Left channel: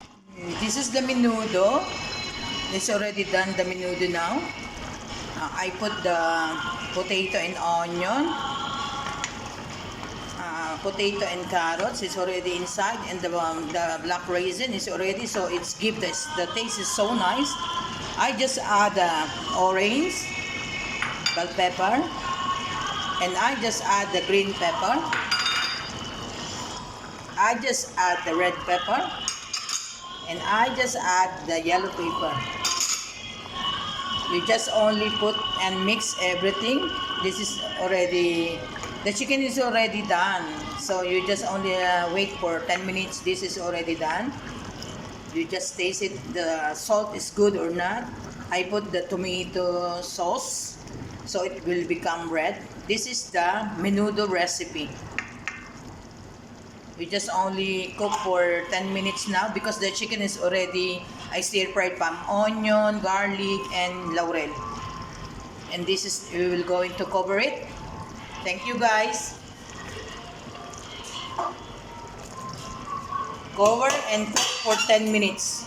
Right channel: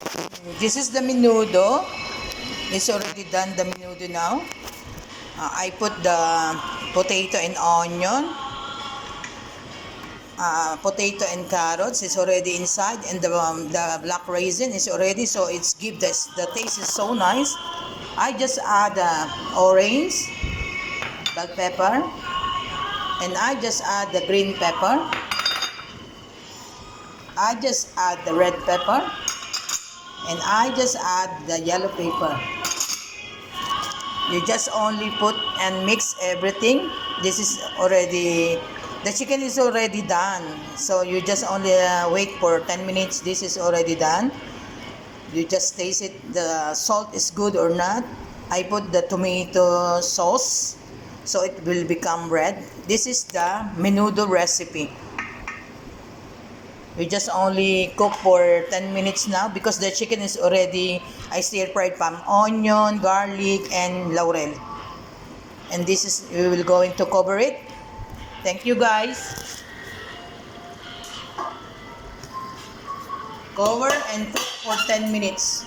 This is the menudo. It's already done, the menudo now. I put the potato and onion. Potato and carrots is already inside, and the black raisin is already, so it's give this, the taste is so nice. I just add orange, bell pepper, and I just add the green pepper. I just add the red pepper, and I just add the yellow pepper. You just only put and mix everything. This is already, the chicken is already done. So you just only wait for 10 minutes. This is already done. You just taste it, the salt is good or not. I put the tomato sauce, so it will become red. This is the menudo recipe. You just only cook for 10 minutes now because the chicken is already, I stir-fried palm onion, garlic, and laurel. And this is, we will going to cover it. Thank you guys. Cover and cook for 10 minutes.